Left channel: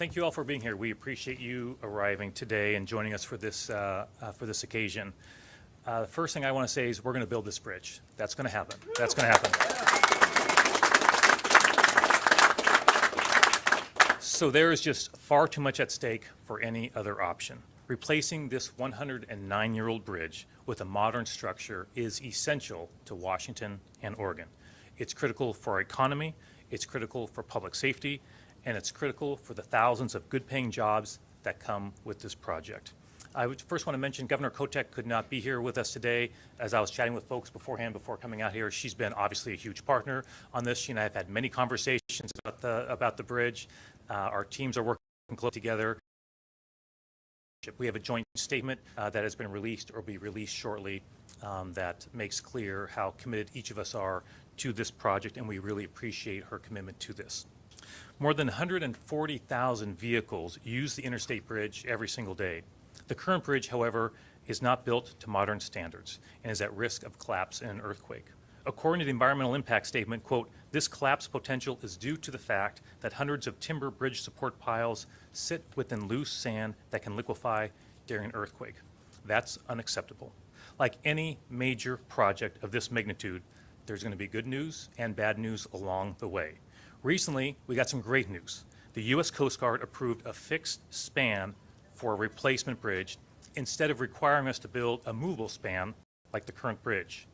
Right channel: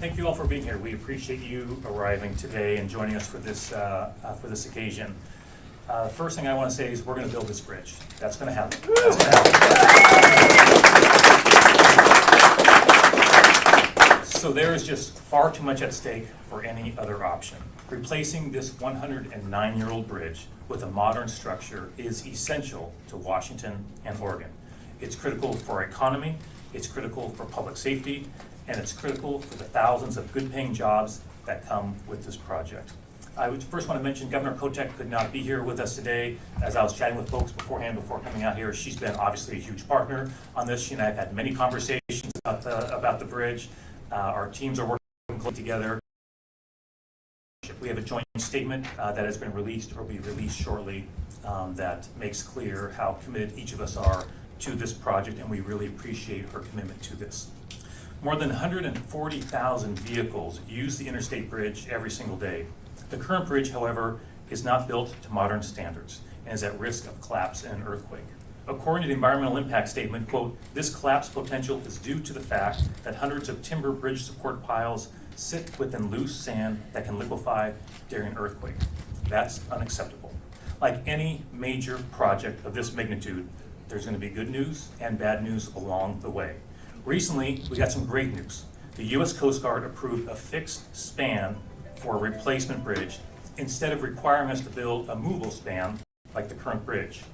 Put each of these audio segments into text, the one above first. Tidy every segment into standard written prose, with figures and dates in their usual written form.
Thank you all for being here. We appreciate you arriving today and joining us for this occasion. The first thing I want to say is we're going to build this bridge. That's going to happen. That's going to happen. So there is just far too much at stake for any other option. Replacing this 109-year-old bridge with a modern structure is essential to Washington and Oregon. It's critical for our economy, it's critical for public safety, and it's critical for the thousands of good-paying jobs that come with this project. I would first want to mention Governor Kotek could not be here with us today. As I was chatting with folks beforehand, before coming out here, she's been obviously a huge partner on this. She and I have had many conversations about the bridge. Our teams are working closely together. We have a joint statement that has been released or will be released shortly that makes clear how committed each of us are to this project, and we really appreciate her commitment to this. More than 140,000 vehicles use the Interstate Bridge every single day. The current bridge, however, is not built to modern standards and is at risk of collapse in an earthquake. According to the environmental impact statement, quote, "This collapse potential is due to the fact that hundreds of timber bridge support piles sit within loose sand that can liquefy during an earthquake." That's unacceptable. Like any major project of this magnitude, there's going to be good news and bad news along the way. Recently, we got some great news. The U.S. Coast Guard approved a fixed span for a replacement bridge instead of requiring us to build a movable span like the current bridge.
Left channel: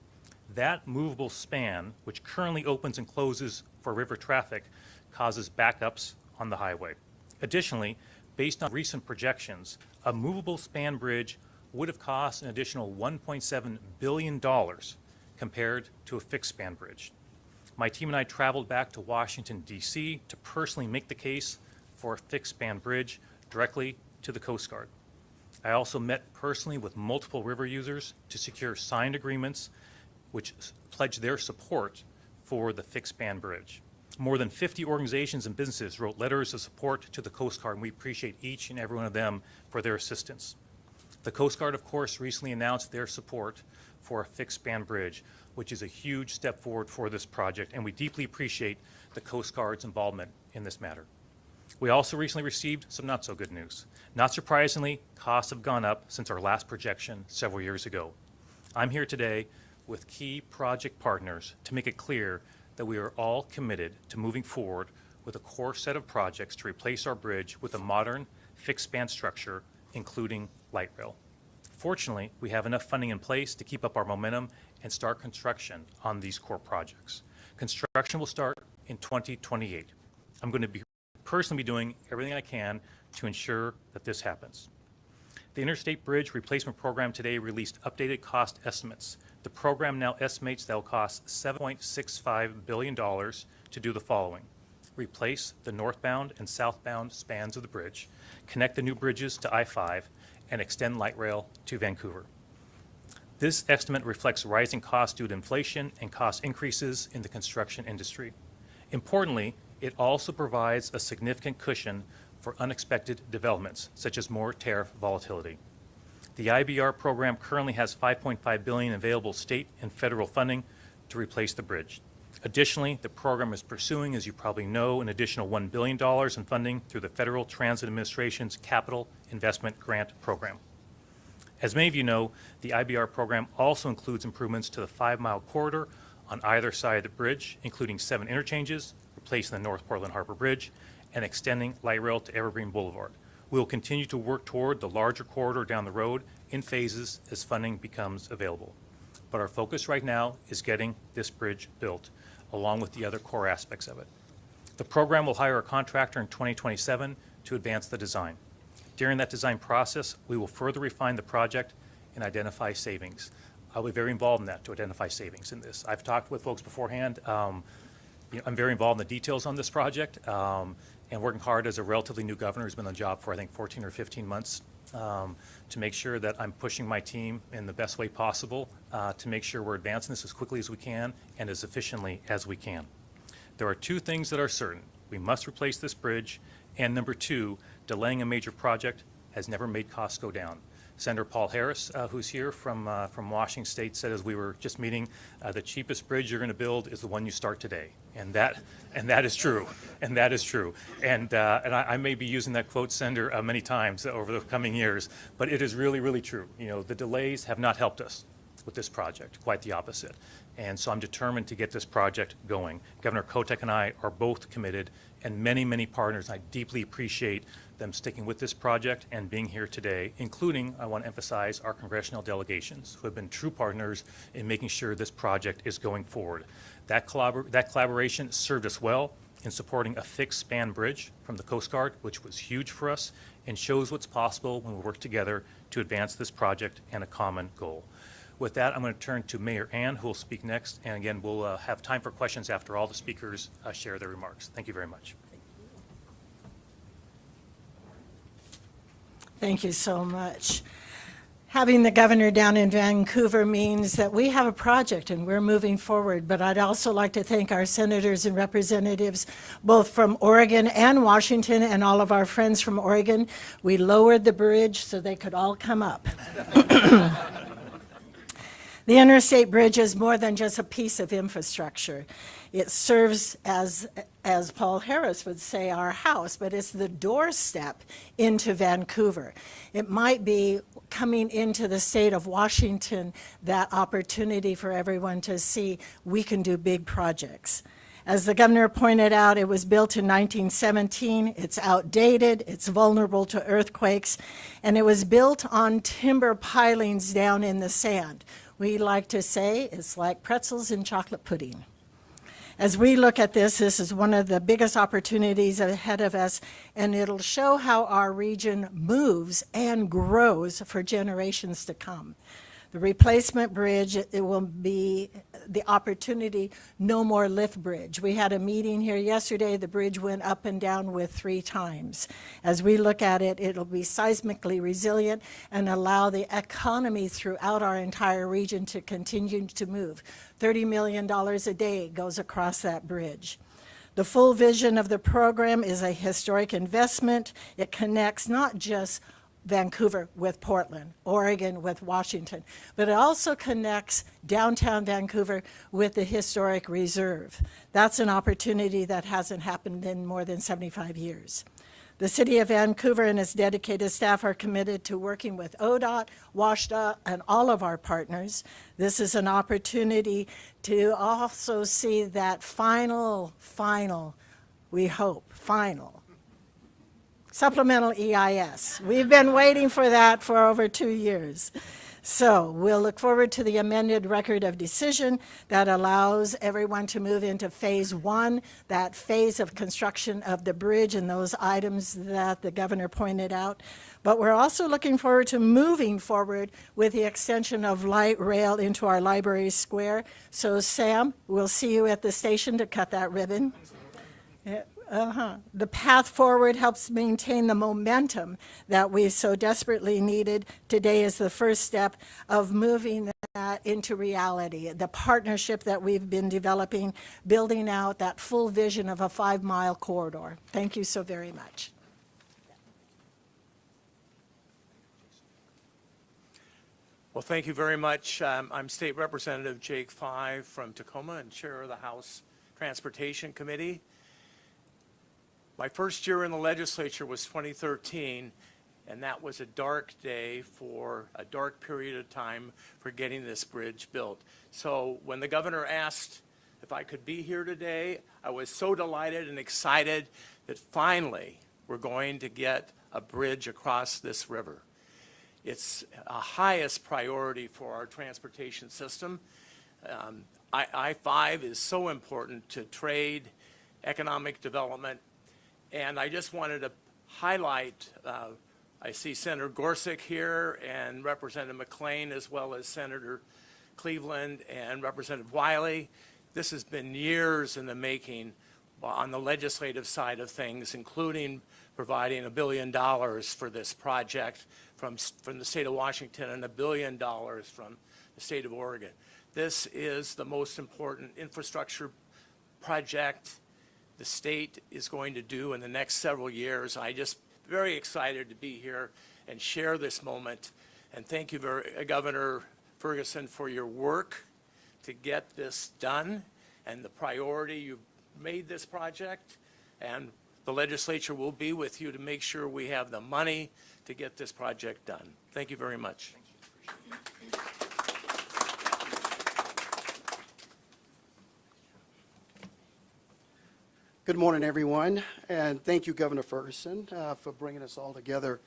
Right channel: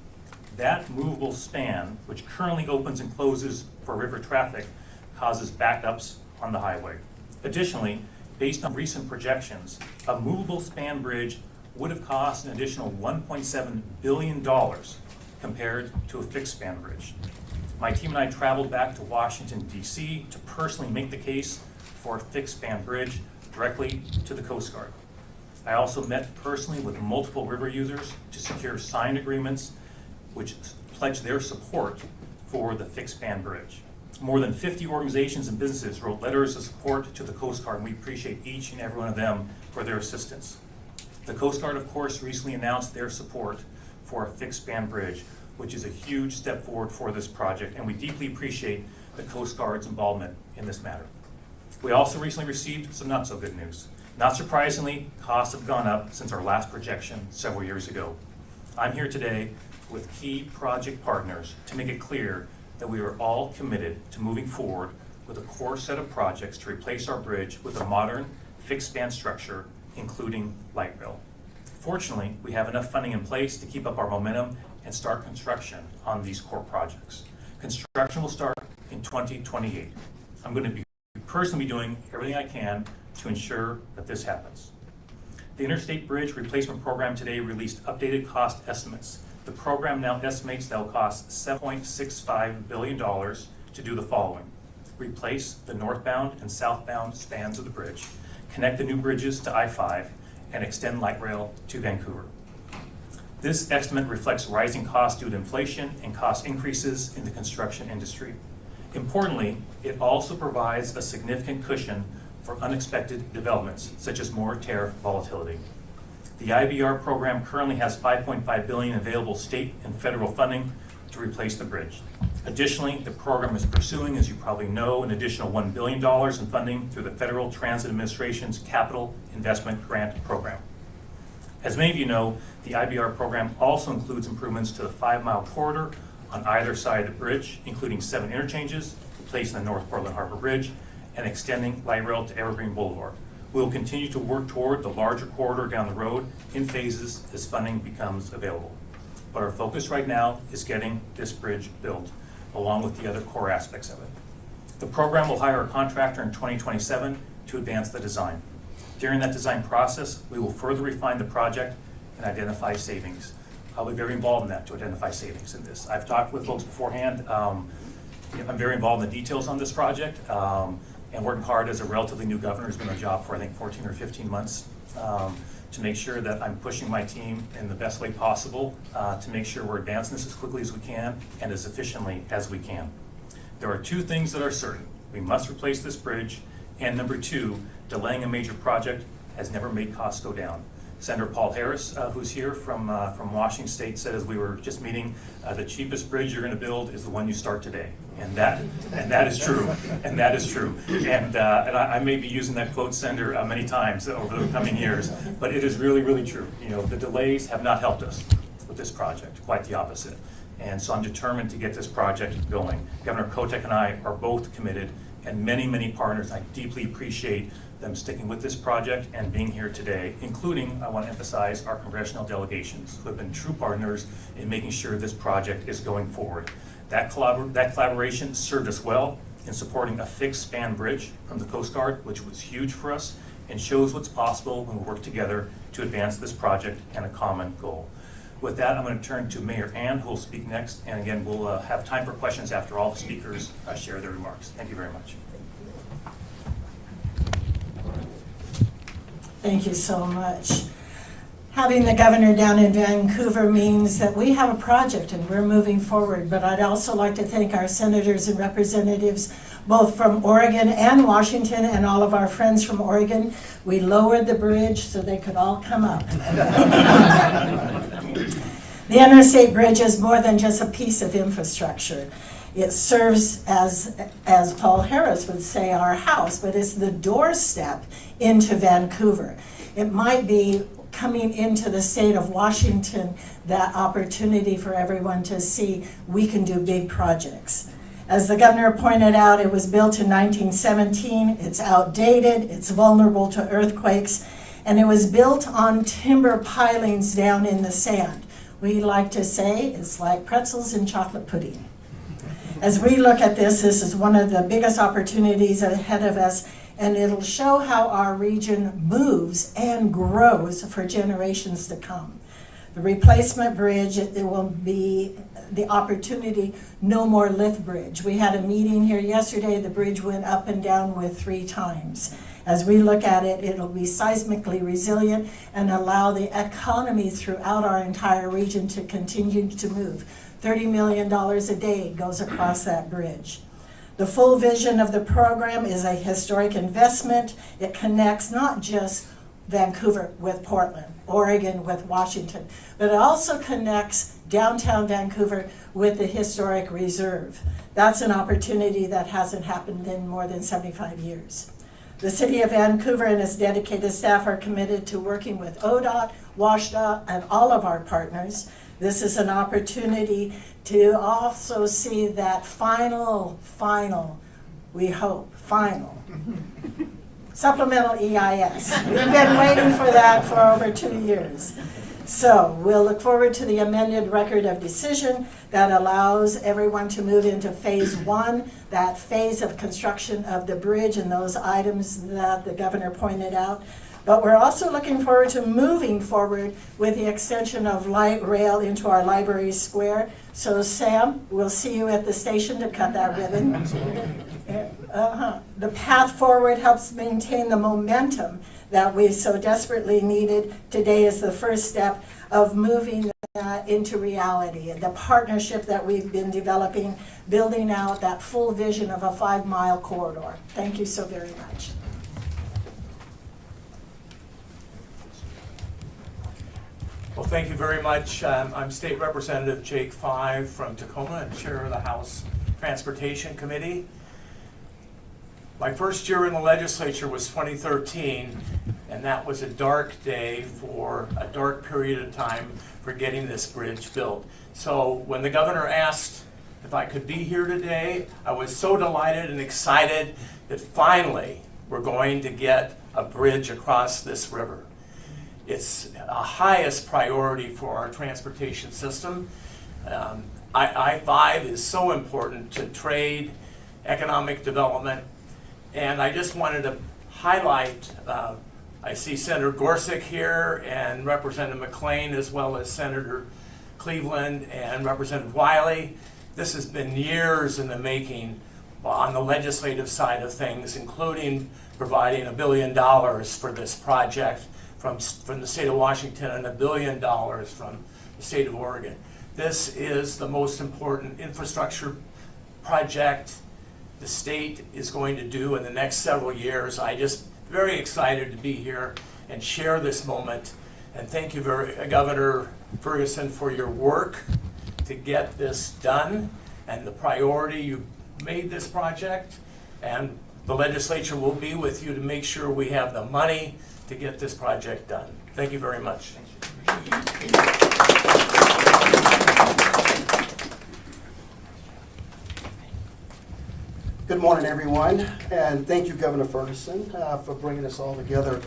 That movable span, which currently opens and closes for river traffic, causes backups on the highway. Additionally, based on recent projections, a movable span bridge would have cost an additional $1.7 billion compared to a fixed span bridge. My team and I traveled back to Washington, D.C. to personally make the case for a fixed span bridge directly to the Coast Guard. I also met personally with multiple river users to secure signed agreements which pledge their support for the fixed span bridge. More than 50 organizations and businesses wrote letters of support to the Coast Guard, and we appreciate each and every one of them for their assistance. The Coast Guard, of course, recently announced their support for a fixed span bridge, which is a huge step forward for this project, and we deeply appreciate the Coast Guard's involvement in this matter. We also recently received some not so good news. Not surprisingly, costs have gone up since our last projection several years ago. I'm here today with key project partners to make it clear that we are all committed to moving forward with a core set of projects to replace our bridge with a modern, fixed span structure, including light rail. Fortunately, we have enough funding in place to keep up our momentum and start construction on these core projects. Construction will start in 2028. I'm going to be personally doing everything I can to ensure that this happens. The Interstate Bridge Replacement Program today released updated cost estimates. The program now estimates that it will cost $7.65 billion to do the following: replace the northbound and southbound spans of the bridge, connect the new bridges to I-5, and extend light rail to Vancouver. This estimate reflects rising costs due to inflation and cost increases in the construction industry. Importantly, it also provides a significant cushion for unexpected developments, such as more tariff volatility. The IBR program currently has $5.5 billion available state and federal funding to replace the bridge. Additionally, the program is pursuing, as you probably know, an additional $1 billion in funding through the Federal Transit Administration's Capital Investment Grant Program. As many of you know, the IBR program also includes improvements to the 5-mile corridor on either side of the bridge, including 7 interchanges, replacing the North Portland Harbor Bridge, and extending light rail to Evergreen Boulevard. We will continue to work toward the larger corridor down the road in phases as funding becomes available. But our focus right now is getting this bridge built, along with the other core aspects of it. The program will hire a contractor in 2027 to advance the design. During that design process, we will further refine the project and identify savings. I'll be very involved in that to identify savings in this. I've talked with folks beforehand. I'm very involved in the details on this project and working hard as a relatively new governor who's been on the job for I think 14 or 15 months to make sure that I'm pushing my team in the best way possible to make sure we're advancing this as quickly as we can and as efficiently as we can. There are 2 things that are certain. We must replace this bridge, and number 2, delaying a major project has never made costs go down. Senator Paul Harris, who's here from Washington State, said as we were just meeting, the cheapest bridge you're going to build is the one you start today. And that is true, and that is true. And I may be using that quote sender many times over the coming years, but it is really, really true. You know, the delays have not helped us with this project, quite the opposite. And so I'm determined to get this project going. Governor Kotek and I are both committed, and many, many partners. I deeply appreciate them sticking with this project and being here today, including, I want to emphasize, our congressional delegations, who have been true partners in making sure this project is going forward. That collaboration served us well in supporting a fixed span bridge from the Coast Guard, which was huge for us, and shows what's possible when we work together to advance this project and a common goal. With that, I'm going to turn to Mayor Ann, who will speak next, and again, we'll have time for questions after all the speakers share their remarks. Thank you very much. Thank you so much. Having the governor down in Vancouver means that we have a project and we're moving forward, but I'd also like to thank our senators and representatives both from Oregon and Washington and all of our friends from Oregon. We lowered the bridge so they could all come up. The Interstate Bridge is more than just a piece of infrastructure. It serves as Paul Harris would say, our house, but it's the doorstep into Vancouver. It might be coming into the state of Washington, that opportunity for everyone to see we can do big projects. As the governor pointed out, it was built in 1917, it's outdated, it's vulnerable to earthquakes, and it was built on timber pilings down in the sand. We like to say it's like pretzels and chocolate pudding. As we look at this is one of the biggest opportunities ahead of us, and it'll show how our region moves and grows for generations to come. The replacement bridge, it will be the opportunity, no more lift bridge. We had a meeting here yesterday, the bridge went up and down with 3 times. As we look at it, it'll be seismically resilient and allow the economy throughout our entire region to continue to move. $30 million a day goes across that bridge. The full vision of the program is a historic investment. It connects not just Vancouver with Portland, Oregon with Washington, but it also connects downtown Vancouver with the historic reserve. That's an opportunity that hasn't happened in more than 75 years. The City of Vancouver and its dedicated staff are committed to working with ODOT, WSDOT, and all of our partners. This is an opportunity to also see that final, we hope, final supplemental EIS. We've been waiting for that for over 2 years. So we'll look forward to the amended record of decision that allows everyone to move into phase 1, that phase of construction of the bridge and those items that the governor pointed out. But we're also looking forward to moving forward with the extension of light rail into our library square. So Sam, we'll see you at the station to cut that ribbon. The path forward helps maintain the momentum that we so desperately needed. Today is the first step of moving that into reality. The partnership that we've been developing, building out that full vision of a 5-mile corridor. Thank you so very much. Well, thank you very much. I'm State Representative Jake 5 from Tacoma and Chair of the House Transportation Committee. My first year in the legislature was 2013, and that was a dark day for a dark period of time for getting this bridge built. So when the governor asked if I could be here today, I was so delighted and excited that finally we're going to get a bridge across this river. It's a highest priority for our transportation system. I-5 is so important to trade, economic development, and I just wanted to highlight, I see Senator Gorsuch here and Representative McLean, as well as Senator Cleveland and Representative Wiley. This has been years in the making on the legislative side of things, including providing $1 billion for this project from the state of Washington and $1 billion from the state of Oregon. This is the most important infrastructure project the state is going to do in the next several years. I just very excited to be here and share this moment. And thank you Governor Ferguson, for your work to get this done and the priority you made this project, and the legislature will be with you to make sure we have the money to get this project done. Thank you very much. Good morning, everyone, and thank you, Governor Ferguson, for bringing us all together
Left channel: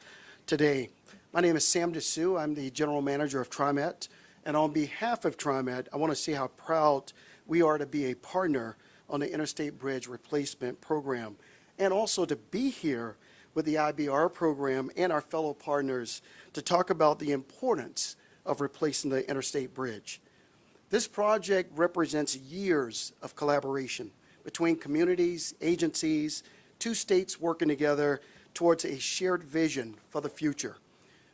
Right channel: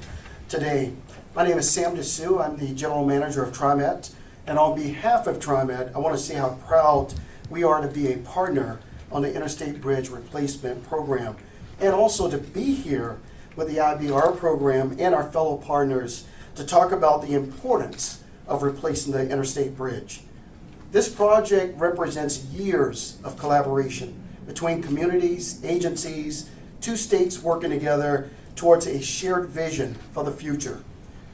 today. My name is Sam Dessou. I'm the General Manager of TriMet, and on behalf of TriMet, I want to say how proud we are to be a partner on the Interstate Bridge Replacement Program, and also to be here with the IBR program and our fellow partners to talk about the importance of replacing the Interstate Bridge. This project represents years of collaboration between communities, agencies, two states working together towards a shared vision for the future.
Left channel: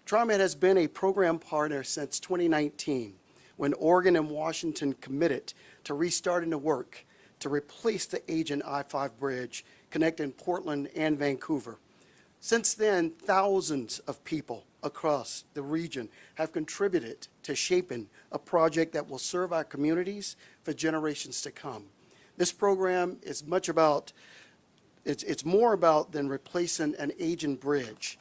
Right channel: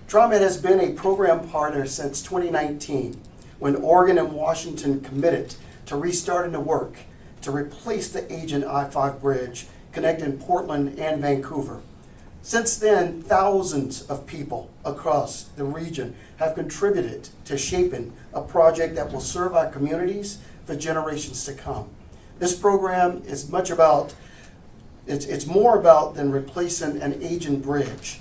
TriMet has been a program partner since 2019, when Oregon and Washington committed to restarting the work to replace the aging I-5 bridge connecting Portland and Vancouver. Since then, thousands of people across the region have contributed to shaping a project that will serve our communities for generations to come. This program is much about, it's more about than replacing an aging bridge.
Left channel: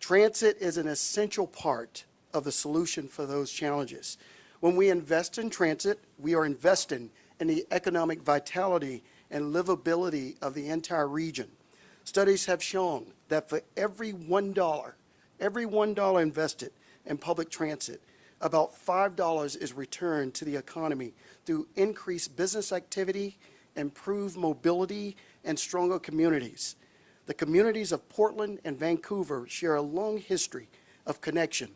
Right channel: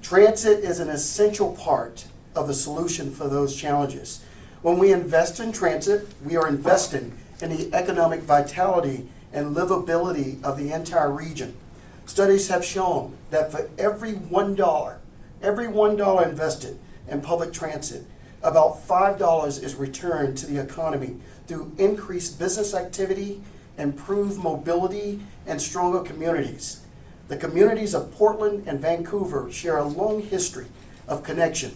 Transit is an essential part of the solution for those challenges. When we invest in transit, we are investing in the economic vitality and livability of the entire region. Studies have shown that for every $1 invested in public transit, about $5 is returned to the economy through increased business activity, improved mobility, and stronger communities. The communities of Portland and Vancouver share a long history of connection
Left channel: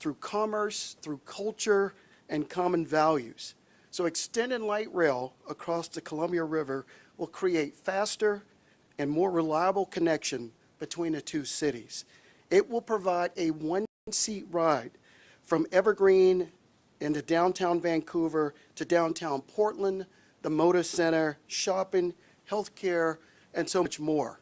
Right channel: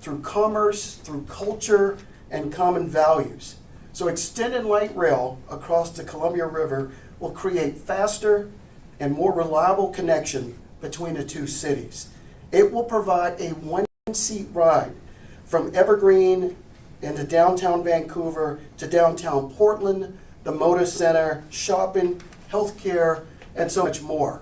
through commerce, through culture, and common values. So extending light rail across the Columbia River will create faster and more reliable connection between the two cities. It will provide a one-seat ride from Evergreen into downtown Vancouver to downtown Portland, the Moda Center, shopping, healthcare, and so much more,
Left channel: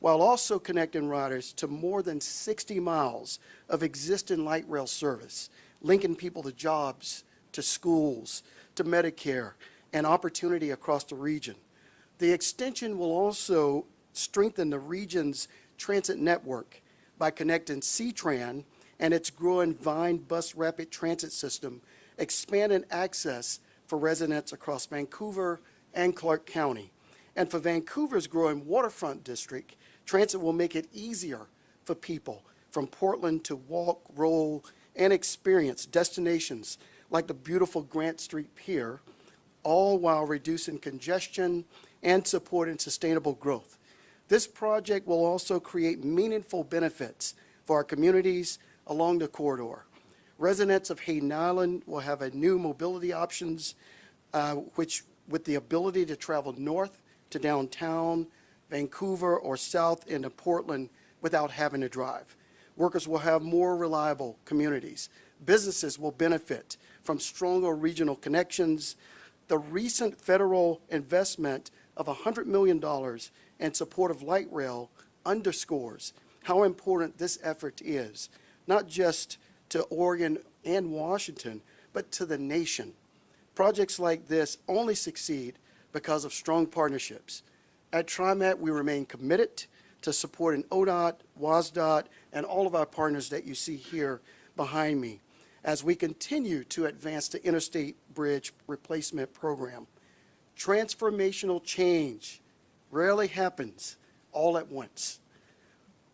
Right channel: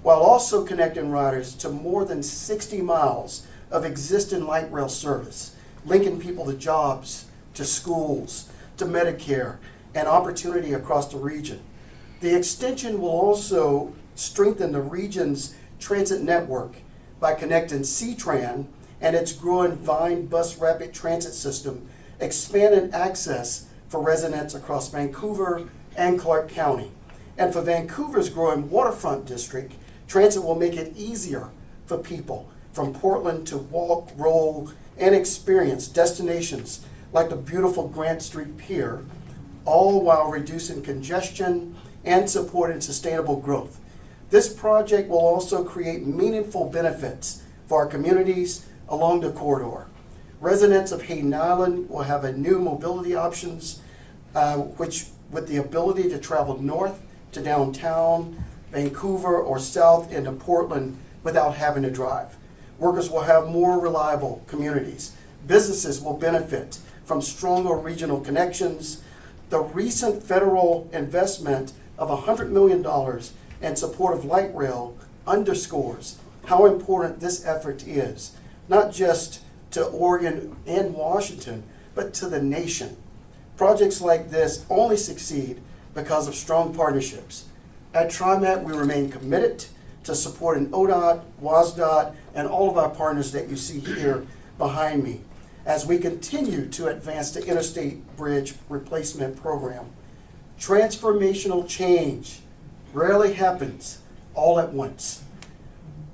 while also connecting riders to more than 60 miles of existing light rail service, linking people to jobs, to schools, to Medicare, and opportunity across the region. The extension will also strengthen the region's transit network by connecting C-Tran and its growing Vine Bus Rapid Transit system, expanding access for residents across Vancouver and Clark County. And for Vancouver's growing waterfront district, transit will make it easier for people from Portland to walk, roll, and experience destinations like the beautiful Grant Street Pier, all while reducing congestion and supporting sustainable growth. This project will also create meaningful benefits for our communities along the corridor. Residents of Hayden Island will have a new mobility options, which with the ability to travel north to downtown, Vancouver, or south into Portland without having to drive. Workers will have more reliable communities. Businesses will benefit from stronger regional connections. The recent federal investment of $100 million in support of light rail underscores how important this effort is, not just to Oregon and Washington, but to the nation. Projects like this only succeed because of strong partnerships. At TriMet, we remain committed to supporting ODOT, WSDOT, and all of our partners that you see here behind me as we continue to advance the Interstate Bridge Replacement Program. Transformational change rarely happens all at once.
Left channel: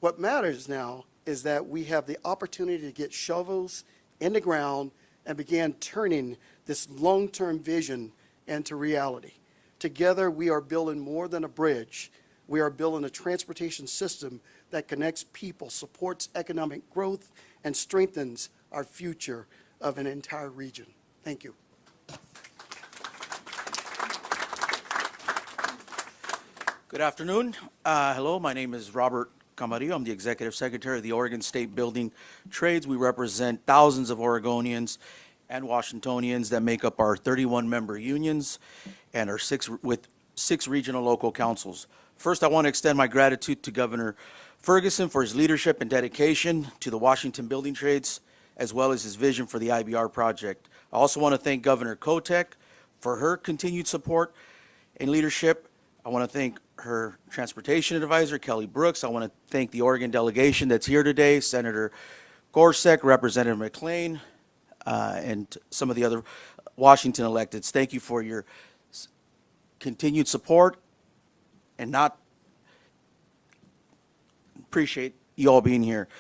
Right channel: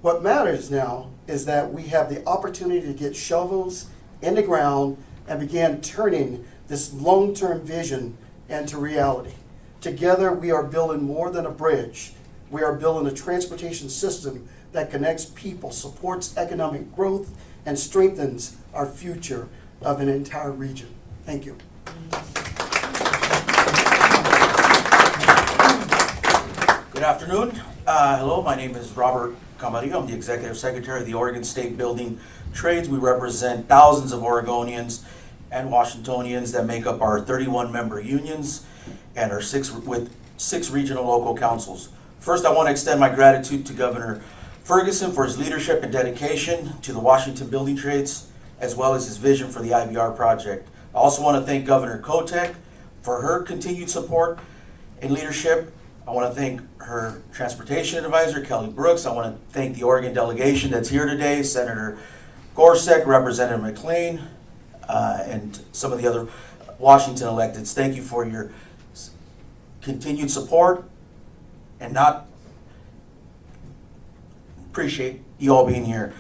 What matters now is that we have the opportunity to get shovels in the ground and begin turning this long-term vision into reality. Together, we are building more than a bridge. We are building a transportation system that connects people, supports economic growth, and strengthens our future of an entire region. Thank you. Good afternoon. Hello, my name is Robert Camarillo. I'm the Executive Secretary of the Oregon State Building Trades. We represent thousands of Oregonians and Washingtonians that make up our 31-member unions and our six regional local councils. First, I want to extend my gratitude to Governor Ferguson for his leadership and dedication to the Washington building trades, as well as his vision for the IBR project. I also want to thank Governor Kotek for her continued support and leadership I want to thank her transportation advisor, Kelly Brooks. I want to thank the Oregon delegation that's here today, Senator Gorsuch, Representative McLean, and some of the other Washington electeds. Thank you for your continued support, and not appreciate you all being here.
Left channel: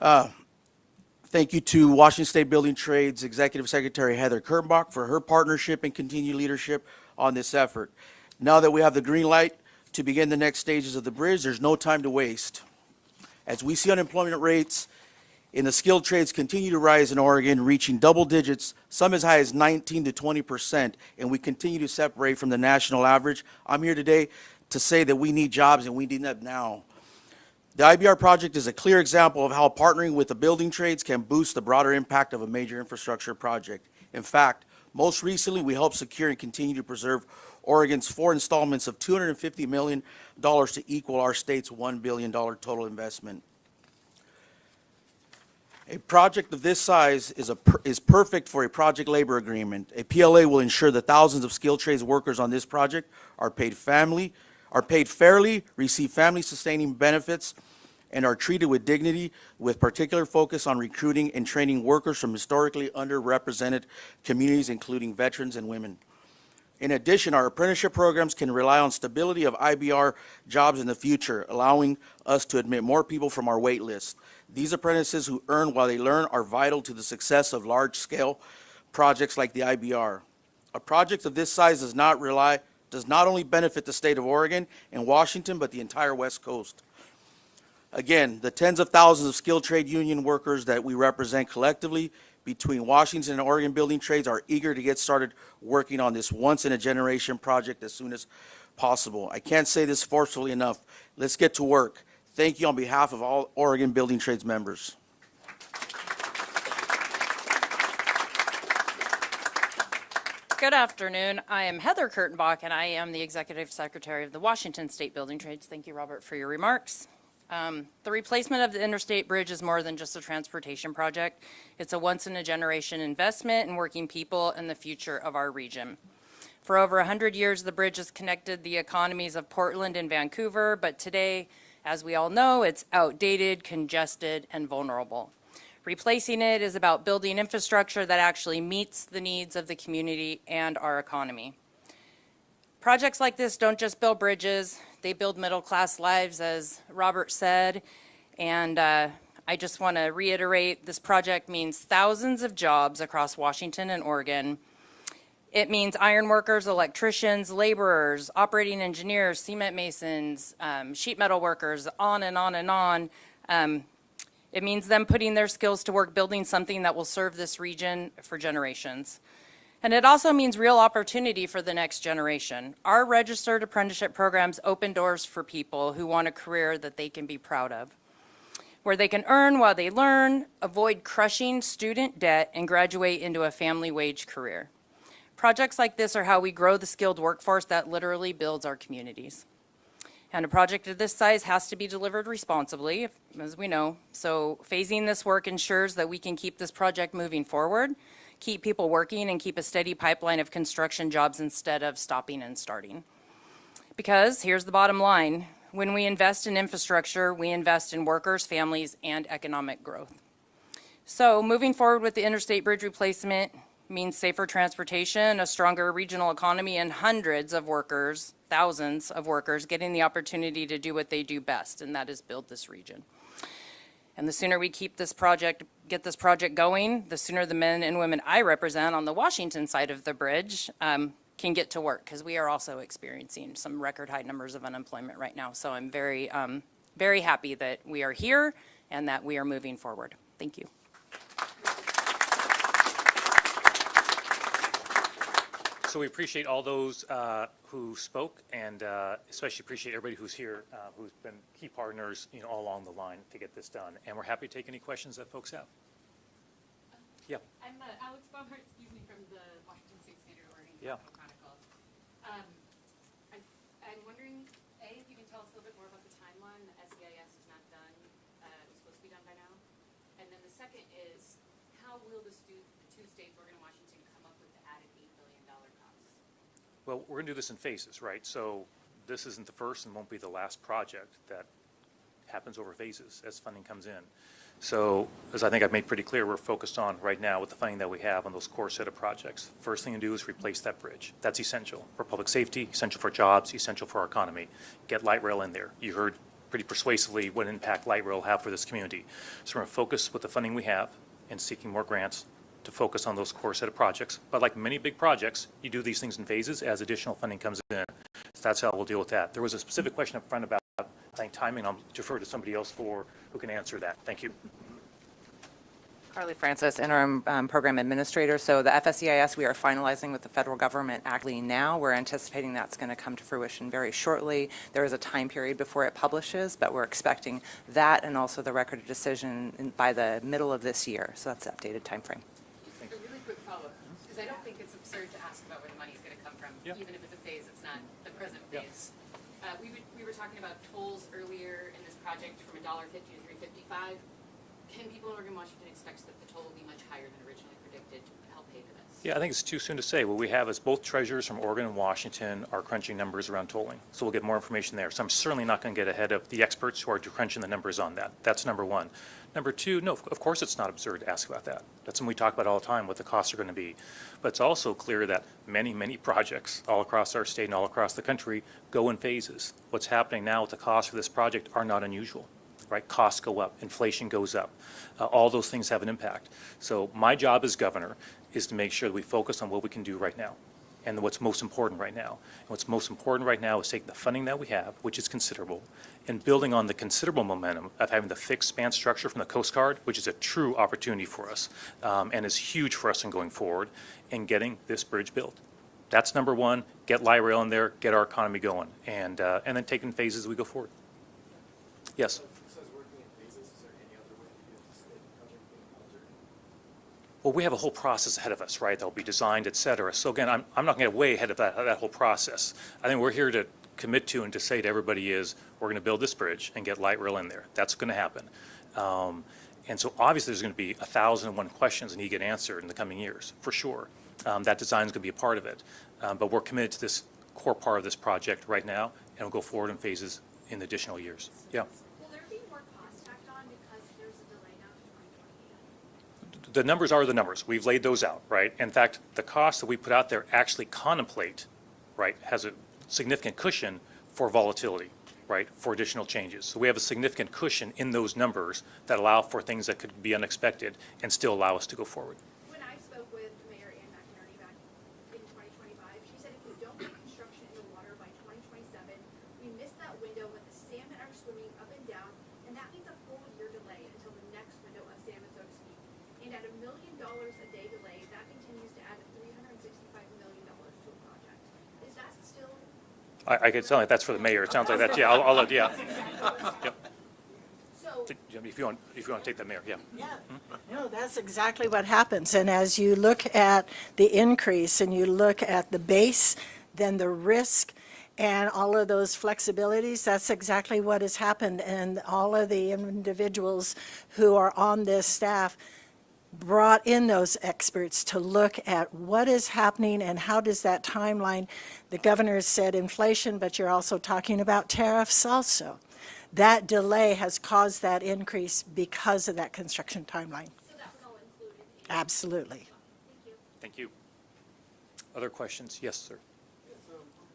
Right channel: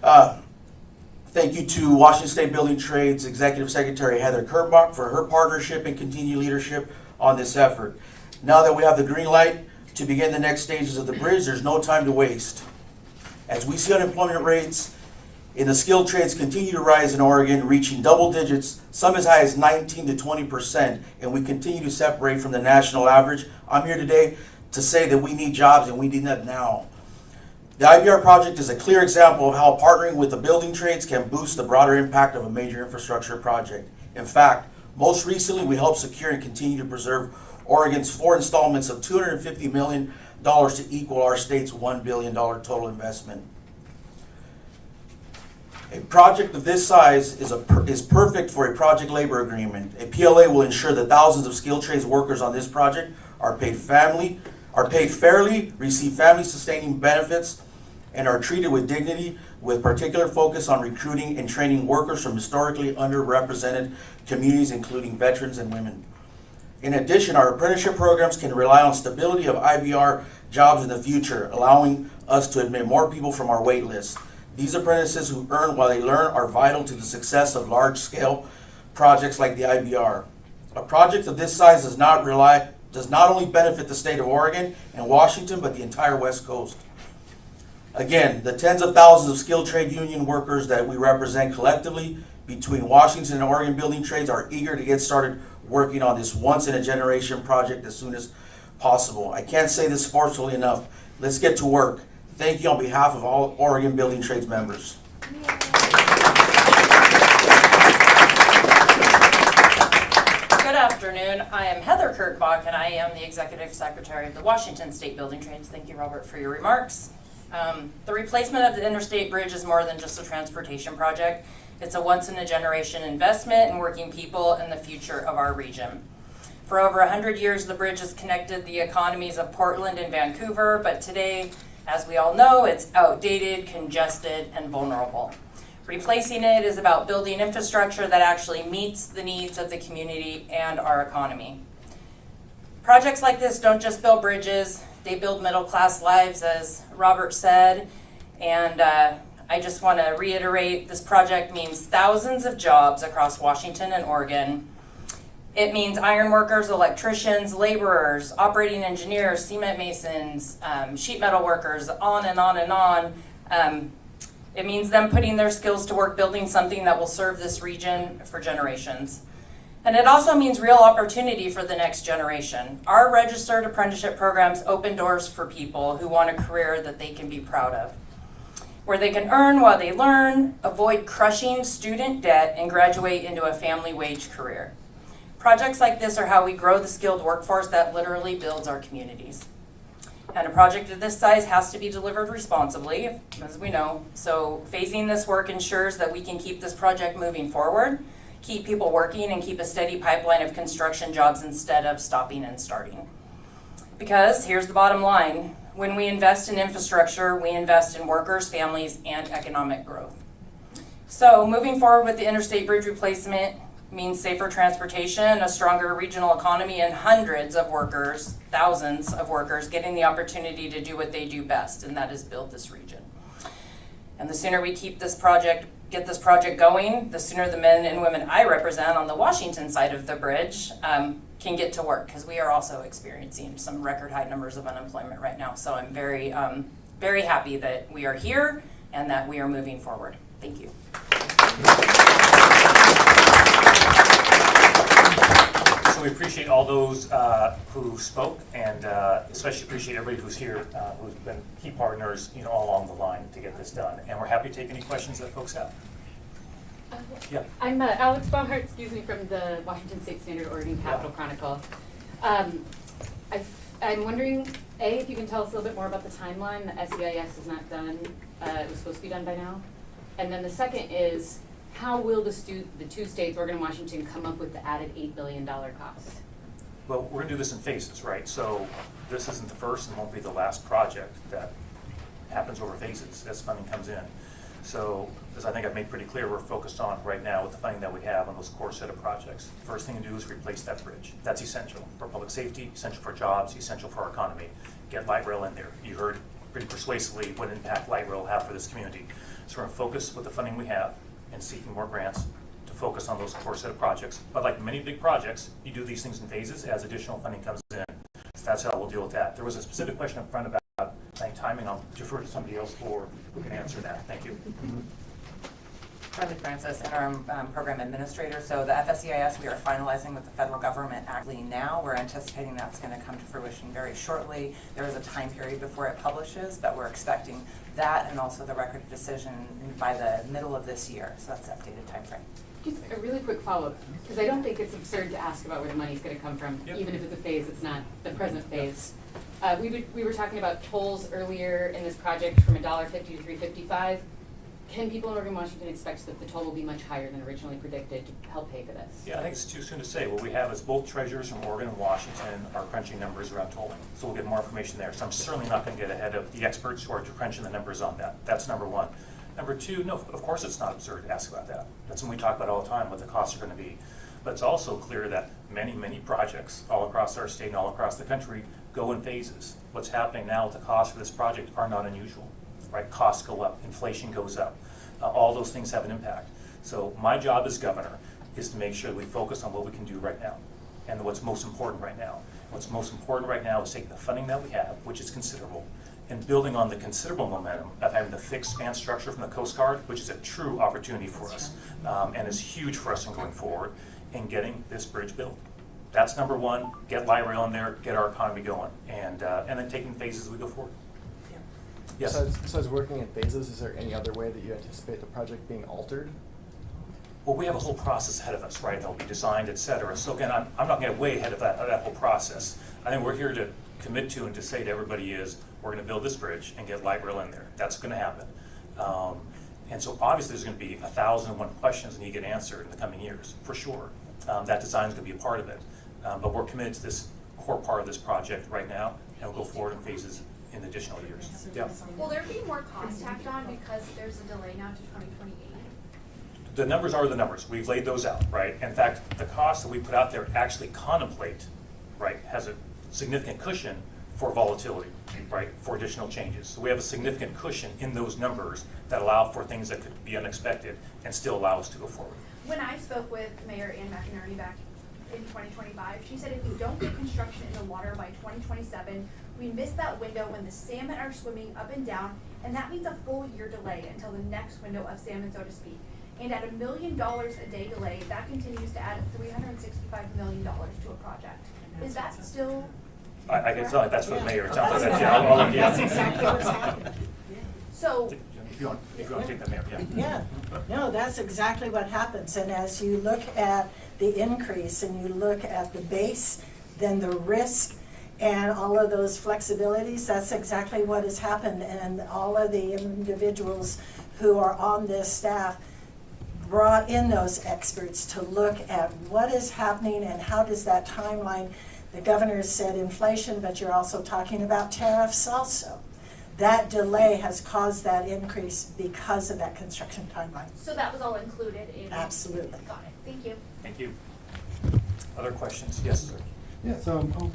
Thank you to Washington State Building Trades Executive Secretary Heather Kurtbach for her partnership and continued leadership on this effort. Now that we have the green light to begin the next stages of the bridge, there's no time to waste. As we see unemployment rates in the skilled trades continue to rise in Oregon, reaching double digits, some as high as 19 to 20%, and we continue to separate from the national average, I'm here today to say that we need jobs, and we need that now. The IBR project is a clear example of how partnering with the building trades can boost the broader impact of a major infrastructure project. In fact, most recently, we helped secure and continue to preserve Oregon's 4 installments of $250 million to equal our state's $1 billion total investment. A project of this size is perfect for a project labor agreement. A PLA will ensure that thousands of skilled trades workers on this project are paid fairly, receive family-sustaining benefits, and are treated with dignity, with particular focus on recruiting and training workers from historically underrepresented communities, including veterans and women. In addition, our apprenticeship programs can rely on stability of IBR jobs in the future, allowing us to admit more people from our wait list. These apprentices who earn while they learn are vital to the success of large-scale projects like the IBR. A project of this size does not only benefit the state of Oregon and Washington, but the entire West Coast. Again, the tens of thousands of skilled trade union workers that we represent collectively between Washington and Oregon building trades are eager to get started working on this once-in-a-generation project as soon as possible. I can't say this forcefully enough. Let's get to work. Thank you on behalf of all Oregon building trades members. Good afternoon. I am Heather Kurtbach, and I am the Executive Secretary of the Washington State Building Trades. Thank you, Robert, for your remarks. The replacement of the Interstate Bridge is more than just a transportation project. It's a once-in-a-generation investment in working people and the future of our region. For over 100 years, the bridge has connected the economies of Portland and Vancouver, but today, as we all know, it's outdated, congested, and vulnerable. Replacing it is about building infrastructure that actually meets the needs of the community and our economy. Projects like this don't just build bridges, they build middle-class lives, as Robert said, and I just want to reiterate, this project means thousands of jobs across Washington and Oregon. It means iron workers, electricians, laborers, operating engineers, cement masons, sheet metal workers, on and on and on. It means them putting their skills to work building something that will serve this region for generations. And it also means real opportunity for the next generation. Our registered apprenticeship programs open doors for people who want a career that they can be proud of, where they can earn while they learn, avoid crushing student debt, and graduate into a family wage career. Projects like this are how we grow the skilled workforce that literally builds our communities. And a project of this size has to be delivered responsibly, as we know. So phasing this work ensures that we can keep this project moving forward, keep people working, and keep a steady pipeline of construction jobs instead of stopping and starting. Because here's the bottom line, when we invest in infrastructure, we invest in workers, families, and economic growth. So moving forward with the Interstate Bridge Replacement means safer transportation, a stronger regional economy, and hundreds of workers, thousands of workers, getting the opportunity to do what they do best, and that is build this region. And the sooner we get this project going, the sooner the men and women I represent on the Washington side of the bridge can get to work, because we are also experiencing some record high numbers of unemployment right now. So I'm very, very happy that we are here and that we are moving forward. Thank you. So we appreciate all those who spoke, and especially appreciate everybody who's here, who's been key partners, all along the line to get this done. And we're happy to take any questions that folks have. Yeah. I'm Alex Baumhart, from the Washington State Standard Oregon Capital Chronicle. I'm wondering, A, if you can tell us a little bit more about the timeline. The SEIS is not done. It was supposed to be done by now. And then the second is, how will the two states, Oregon and Washington, come up with the added $8 billion cost? Well, we're gonna do this in phases, right? So this isn't the first and won't be the last project that happens over phases as funding comes in. So, as I think I've made pretty clear, we're focused on right now with the funding that we have on those core set of projects. First thing to do is replace that bridge. That's essential for public safety, essential for jobs, essential for our economy. Get light rail in there. You heard pretty persuasively what impact light rail will have for this community. So we're gonna focus with the funding we have and seeking more grants to focus on those core set of projects. But like many big projects, you do these things in phases as additional funding comes in. So that's how we'll deal with that. There was a specific question up front about timing. I'll defer to somebody else who can answer that. Thank you. Carly Francis, Interim Program Administrator. So the FSEIS, we are finalizing with the federal government actually now. We're anticipating that's going to come to fruition very shortly. There is a time period before it publishes, but we're expecting that and also the record of decision by the middle of this year. So that's the updated time frame. Just a really quick follow-up, because I don't think it's absurd to ask about where the money's gonna come from, Yep. even if it's a phase, it's not the present phase. We were talking about tolls earlier in this project from $1.50 to $3.55. Can people in Oregon, Washington expect that the toll will be much higher than originally predicted to help pay for this? Yeah, I think it's too soon to say. What we have is both treasurers from Oregon and Washington are crunching numbers around tolling. So we'll get more information there. So I'm certainly not going to get ahead of the experts who are crunching the numbers on that. That's number one. Number two, no, of course it's not absurd to ask about that. That's something we talk about all the time, what the costs are going to be. But it's also clear that many, many projects all across our state and all across the country go in phases. What's happening now with the costs for this project are not unusual, right? Costs go up, inflation goes up. All those things have an impact. So my job as governor is to make sure that we focus on what we can do right now and what's most important right now. And what's most important right now is take the funding that we have, which is considerable, and building on the considerable momentum of having the fixed span structure from the Coast Guard, which is a true opportunity for us and is huge for us in going forward, and getting this bridge built. That's number one. Get light rail in there, get our economy going, and then take in phases as we go forward. Yes? Besides working in phases, is there any other way that you anticipate the project being altered? Well, we have a whole process ahead of us, right, that will be designed, et cetera. So again, I'm not going to get way ahead of that whole process. I think we're here to commit to and to say to everybody is, we're going to build this bridge and get light rail in there. That's going to happen. And so obviously there's going to be 1,001 questions that need to get answered in the coming years, for sure. That design is going to be a part of it. But we're committed to this core part of this project right now, and we'll go forward in phases in additional years. Yeah. Will there be more cost tacked on because there's a delay now to 2028? The numbers are the numbers. We've laid those out, right? In fact, the costs that we put out there actually contemplate, right, has a significant cushion for volatility, right, for additional changes. So we have a significant cushion in those numbers that allow for things that could be unexpected and still allow us to go forward. When I spoke with Mayor Ann McInerney back in 2025, she said if we don't get construction in the water by 2027, we miss that window when the salmon are swimming up and down, and that means a full year delay until the next window of salmon, so to speak. And at $1 million a day delay, that continues to add $365 million to a project. Is that still? I can tell like that's for the mayor. It sounds like that. Yeah, I'll yeah. That's exactly what's happening. So, If you want to take that, Mayor, yeah. Yeah, no, that's exactly what happens. And as you look at the increase and you look at the base, then the risk and all of those flexibilities, that's exactly what has happened. And all of the individuals who are on this staff brought in those experts to look at what is happening and how does that timeline, the governor said inflation, but you're also talking about tariffs also. That delay has caused that increase because of that construction timeline. so that was all included in? Absolutely. Got it, thank you. Thank you. Other questions? Yes, sir. Yes,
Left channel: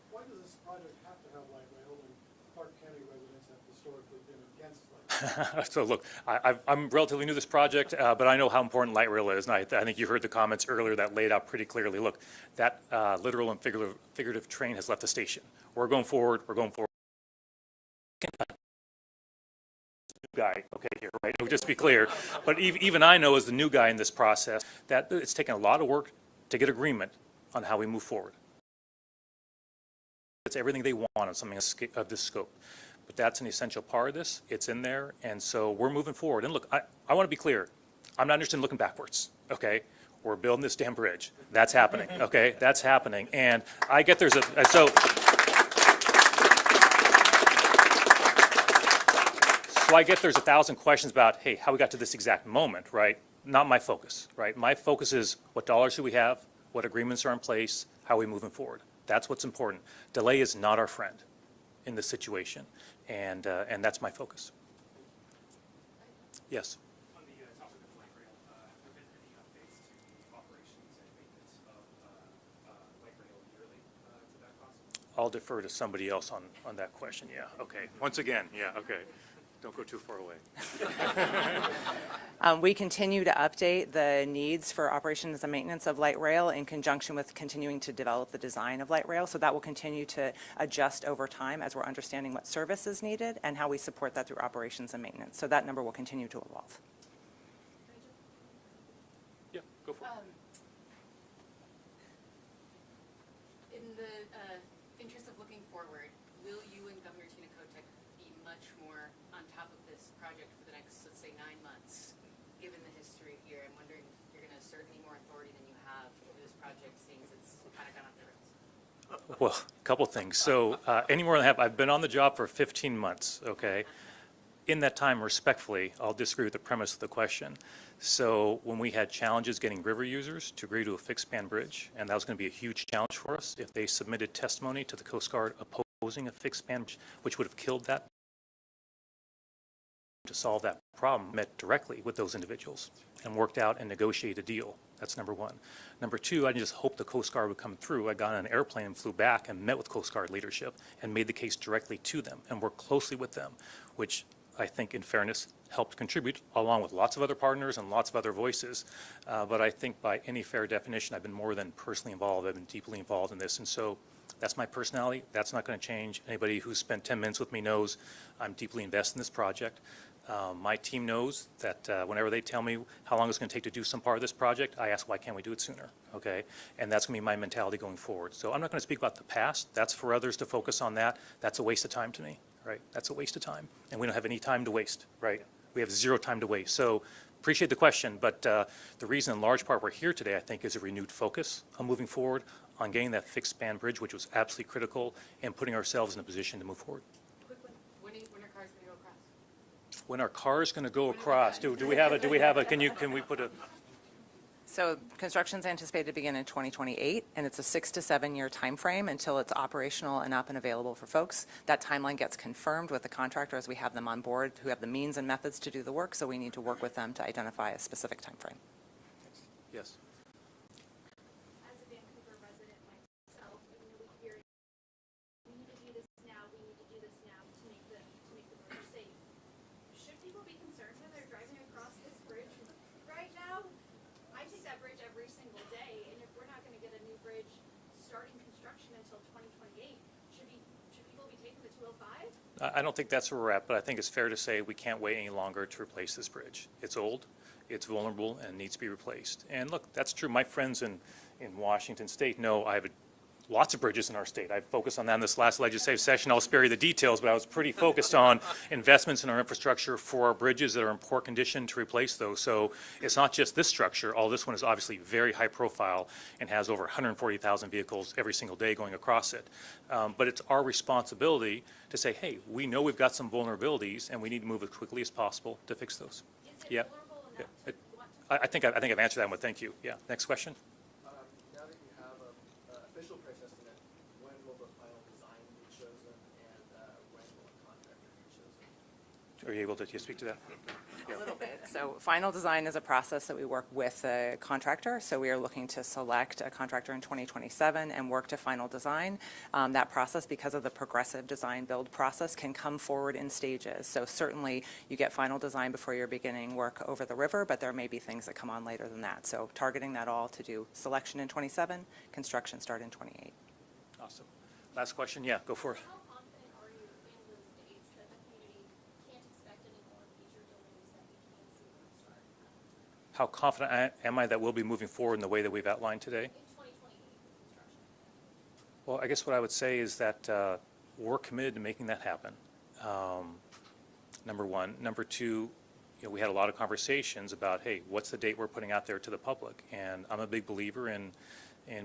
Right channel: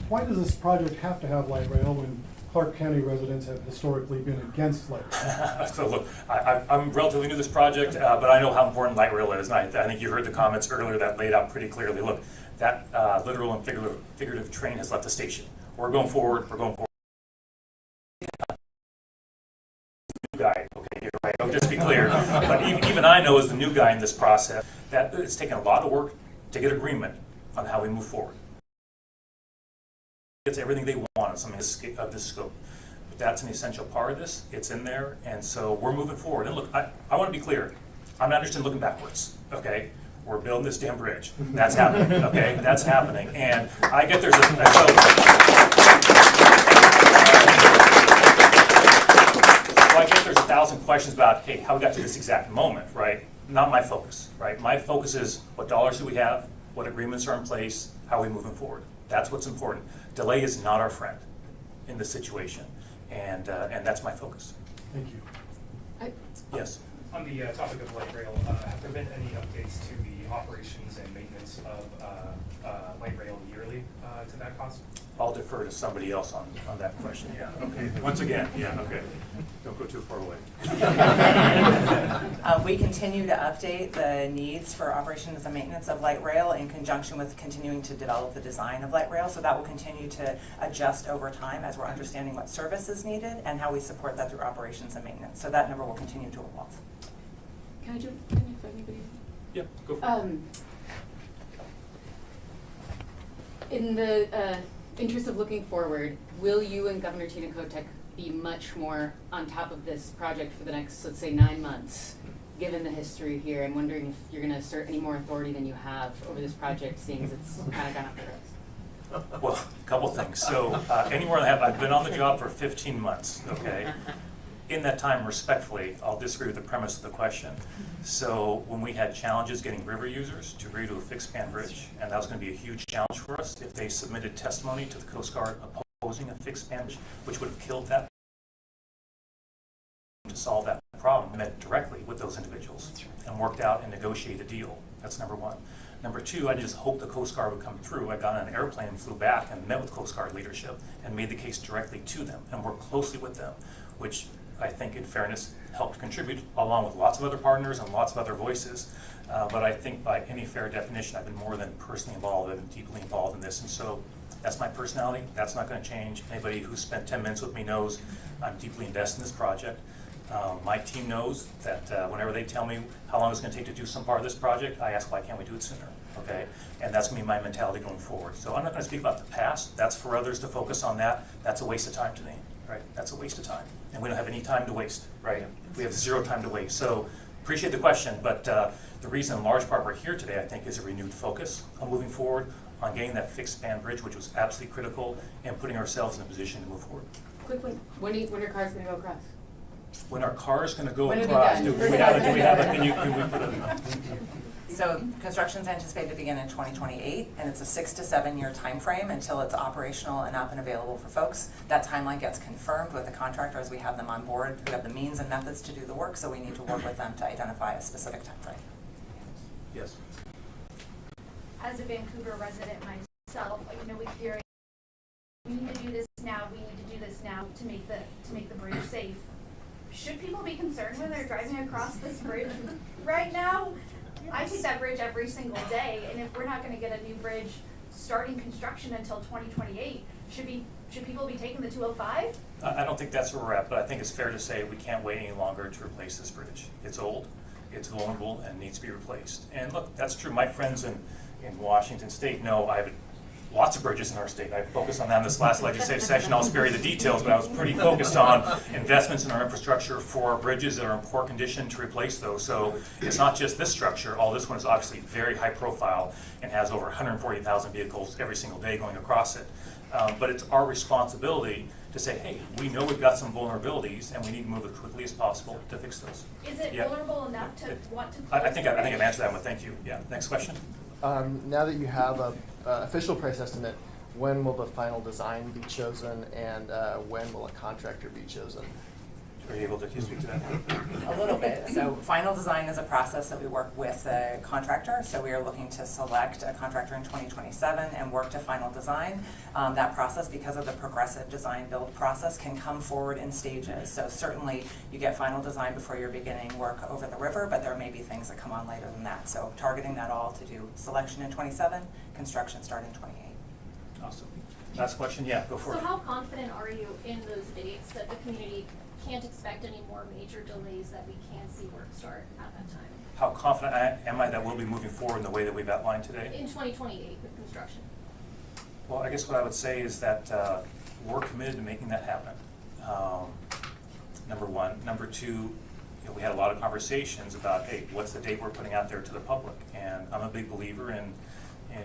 why does this project have to have light rail when Clark County residents have historically been against light rail? So look, I'm relatively new to this project, but I know how important light rail is. And I think you heard the comments earlier that laid out pretty clearly. Look, that literal and figurative train has left the station. We're going forward. We're going forward. New guy, okay, here, right? Just to be clear, but even I know as the new guy in this process that it's taken a lot of work to get agreement on how we move forward. It's everything they want on something of this scope. But that's an essential part of this. It's in there, and so we're moving forward. And look, I want to be clear. I'm not interested in looking backwards, okay? We're building this damn bridge. That's happening, okay? That's happening. And I get there's I get there's 1,000 questions about, hey, how we got to this exact moment, right? Not my focus, right? My focus is what dollars do we have, what agreements are in place, how are we moving forward? That's what's important. Delay is not our friend in this situation, and that's my focus. Thank you. Yes? On the topic of light rail, have there been any updates to the operations and maintenance of light rail yearly to that cost? I'll defer to somebody else on that question, yeah, okay. Once again, yeah, okay. Don't go too far away. We continue to update the needs for operations and maintenance of light rail in conjunction with continuing to develop the design of light rail. So that will continue to adjust over time as we're understanding what service is needed and how we support that through operations and maintenance. So that number will continue to evolve. Can I jump in if anybody? Yeah, go for it. In the interest of looking forward, will you and Governor Tina Kotek be much more on top of this project for the next, let's say, 9 months, given the history here? I'm wondering if you're gonna assert any more authority than you have over this project, seeing as it's kind of gone off the rails. Well, a couple things. So anywhere I've been on the job for 15 months, okay? In that time, respectfully, I'll disagree with the premise of the question. So when we had challenges getting river users to agree to a fixed span bridge, and that was going to be a huge challenge for us if they submitted testimony to the Coast Guard opposing a fixed span bridge, which would have killed that. To solve that problem, met directly with those individuals and worked out and negotiated a deal. That's number one. Number two, I just hoped the Coast Guard would come through. I got on an airplane and flew back and met with Coast Guard leadership and made the case directly to them and worked closely with them, which I think, in fairness, helped contribute, along with lots of other partners and lots of other voices. But I think by any fair definition, I've been more than personally involved. I've been deeply involved in this. And so that's my personality. That's not going to change. Anybody who's spent 10 minutes with me knows I'm deeply invested in this project. My team knows that whenever they tell me how long it's going to take to do some part of this project, I ask, why can't we do it sooner? Okay? And that's going to be my mentality going forward. So I'm not going to speak about the past. That's for others to focus on that. That's a waste of time to me, right? That's a waste of time. And we don't have any time to waste, right? We have zero time to waste. So appreciate the question, but the reason in large part we're here today, I think, is a renewed focus on moving forward, on getting that fixed span bridge, which was absolutely critical, and putting ourselves in a position to move forward. Quick one, when are cars gonna go across? When our car is going to go When are they across, done? do we have a, can we put a, So construction's anticipated to begin in 2028, and it's a 6 to 7 year time frame until it's operational and up and available for folks. That timeline gets confirmed with the contractor as we have them on board, who have the means and methods to do the work, so we need to work with them to identify a specific time frame. yes? As a Vancouver resident myself, you know, we hear, we need to do this now, we need to do this now to make the bridge safe. Should people be concerned when they're driving across this bridge right now? I take that bridge every single day, and if we're not gonna get a new bridge starting construction until 2028, should people be taking the 205? I don't think that's where we're at, but I think it's fair to say we can't wait any longer to replace this bridge. It's old, it's vulnerable, and needs to be replaced. And look, that's true. My friends in Washington State know I have lots of bridges in our state. I focused on that in this last legislative session. I'll spare you the details, but I was pretty focused on investments in our infrastructure for our bridges that are in poor condition to replace those. So it's not just this structure. All this one is obviously very high profile and has over 140,000 vehicles every single day going across it. But it's our responsibility to say, hey, we know we've got some vulnerabilities and we need to move as quickly as possible to fix those. Is it Yeah. vulnerable enough to want to? I think I've answered that one. Thank you. Yeah. Next question. Now that you have a official price estimate, when will the final design be chosen, and when will a contractor be chosen? Are you able to speak to that? A little bit. So final design is a process that we work with a contractor. So we are looking to select a contractor in 2027 and work to final design. That process, because of the progressive design build process, can come forward in stages. So certainly you get final design before you're beginning work over the river, but there may be things that come on later than that. So targeting that all to do selection in 27, construction start in 28. Awesome. Last question. Yeah, go for it. So how confident are you in those dates that the community can't expect any more major delays, that we can see work start at that time? How confident am I that we'll be moving forward in the way that we've outlined today? In 2028 with construction? Well, I guess what I would say is that we're committed to making that happen. Number one. Number two, we had a lot of conversations about, hey, what's the date we're putting out there to the public? And I'm a big believer in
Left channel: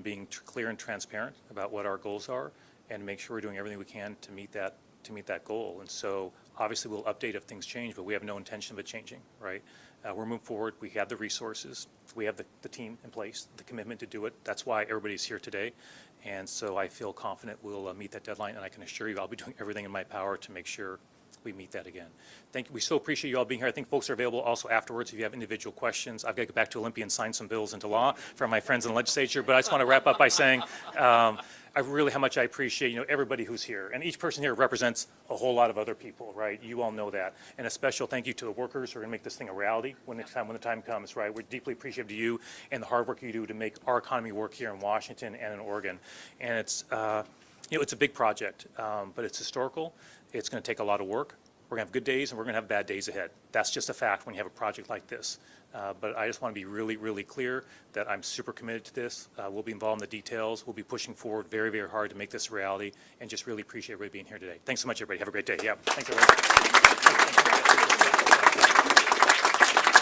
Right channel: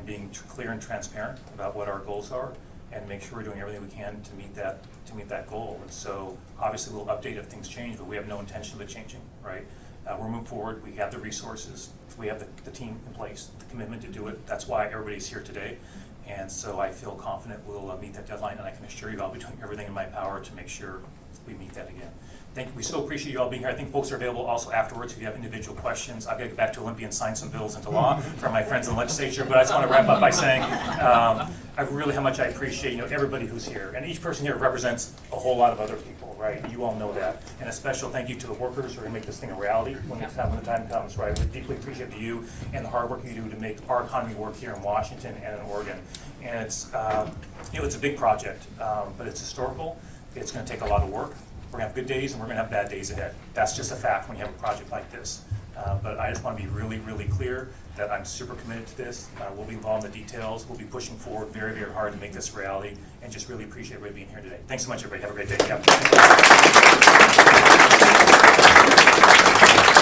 being clear and transparent about what our goals are and make sure we're doing everything we can to meet that goal. And so obviously we'll update if things change, but we have no intention of it changing, right? We're moving forward. We have the resources. We have the team in place, the commitment to do it. That's why everybody's here today. And so I feel confident we'll meet that deadline, and I can assure you I'll be doing everything in my power to make sure we meet that again. Thank you. We so appreciate you all being here. I think folks are available also afterwards if you have individual questions. I've got to get back to Olympia and sign some bills into law for my friends in the legislature, but I just want to wrap up by saying how much I appreciate everybody who's here. And each person here represents a whole lot of other people, right? You all know that. And a special thank you to the workers who are going to make this thing a reality when the time comes, right? We deeply appreciate you and the hard work you do to make our economy work here in Washington and in Oregon. And it's, it's a big project, but it's historical. It's going to take a lot of work. We're going to have good days and we're going to have bad days ahead. That's just a fact when you have a project like this. But I just want to be really, really clear that I'm super committed to this. We'll be involved in the details. We'll be pushing forward very, very hard to make this a reality, and just really appreciate everybody being here today. Thanks so much, everybody. Have a great day. Yeah.